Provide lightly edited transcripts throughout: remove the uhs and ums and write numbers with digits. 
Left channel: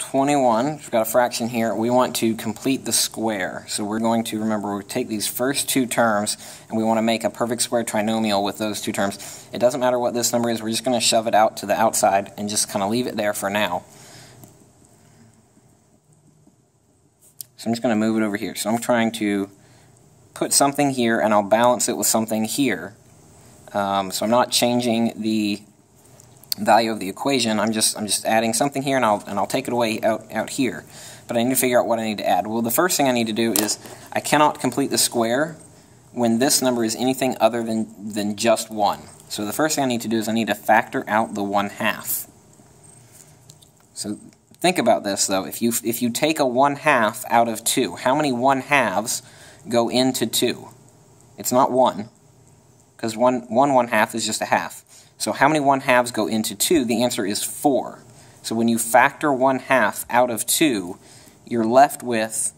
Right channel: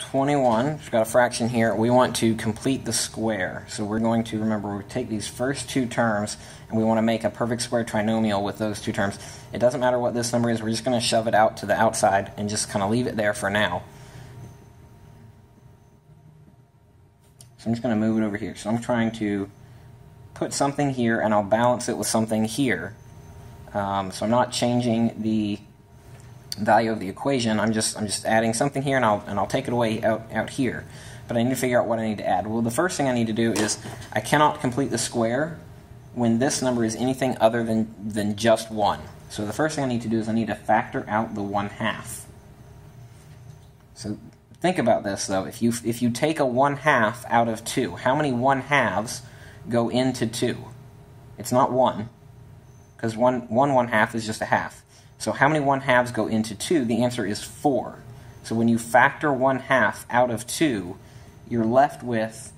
21, we've got a fraction here. We want to complete the square. So we're going to, remember, we take these first two terms and we want to make a perfect square trinomial with those two terms. It doesn't matter what this number is, we're just going to shove it out to the outside and just kind of leave it there for now. So I'm just going to move it over here. So I'm trying to put something here and I'll balance it with something here. So I'm not changing the value of the equation. I'm just adding something here and I'll take it away out here. But I need to figure out what I need to add. Well, the first thing I need to do is I cannot complete the square when this number is anything other than just 1. So the first thing I need to do is I need to factor out the 1/2. So think about this though. If you take a 1/2 out of 2, how many 1/2s go into 2? It's not 1, because 1/2 is just a half. So how many 1/2s go into 2? The answer is 4. So when you factor 1/2 out of 2, you're left with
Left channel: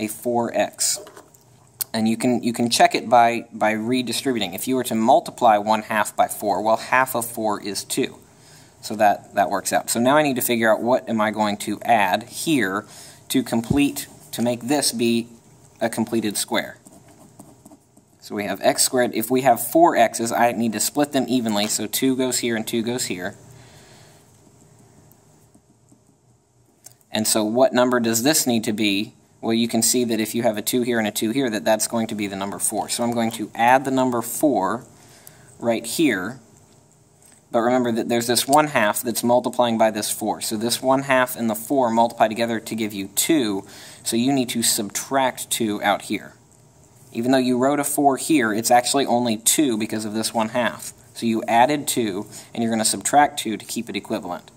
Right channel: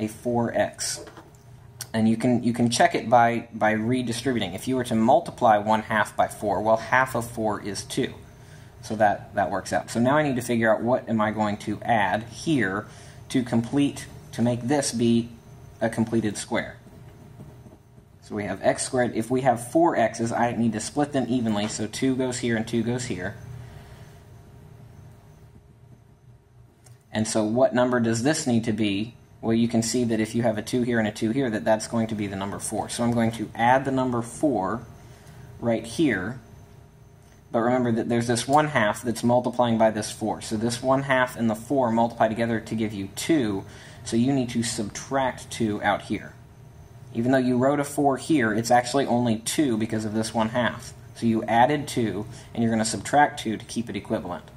a 4x. And you can check it by redistributing. If you were to multiply 1/2 by 4, well, half of 4 is 2. So that works out. So now I need to figure out what am I going to add here to make this be a completed square. So we have x squared. If we have 4 x's, I need to split them evenly, so 2 goes here and 2 goes here. And so what number does this need to be? Well, you can see that if you have a 2 here and a 2 here, that's going to be the number 4. So I'm going to add the number 4 right here. But remember that there's this 1/2 that's multiplying by this 4. So this 1/2 and the 4 multiply together to give you 2. So you need to subtract 2 out here. Even though you wrote a 4 here, it's actually only 2 because of this 1/2. So you added 2, and you're going to subtract 2 to keep it equivalent.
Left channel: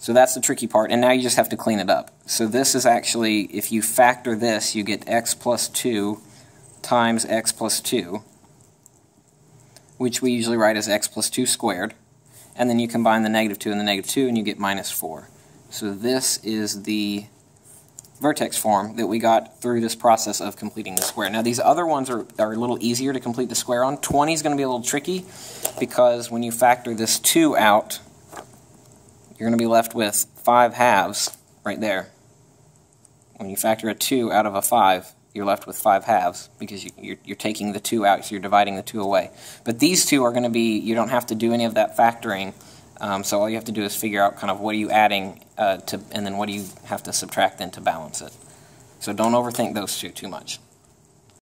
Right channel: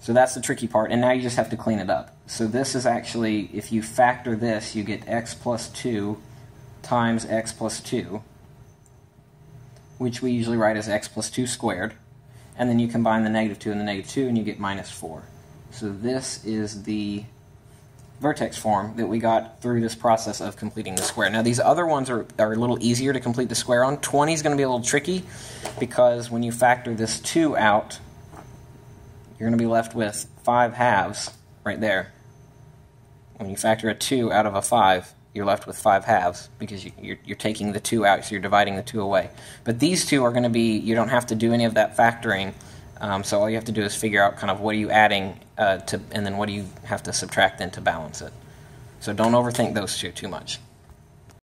So that's the tricky part, and now you just have to clean it up. So this is actually, if you factor this, you get x plus 2 times x plus 2, which we usually write as x plus 2 squared. And then you combine the -2 and the -2, and you get minus 4. So this is the vertex form that we got through this process of completing the square. Now these other ones are a little easier to complete the square on. 20 is going to be a little tricky because when you factor this 2 out, you're going to be left with 5/2 right there. When you factor a 2 out of a 5, you're left with 5/2 because you're taking the 2 out, so you're dividing the 2 away. But these two are going to be, you don't have to do any of that factoring. So all you have to do is figure out kind of what are you adding and then what do you have to subtract then to balance it. So don't overthink those two too much.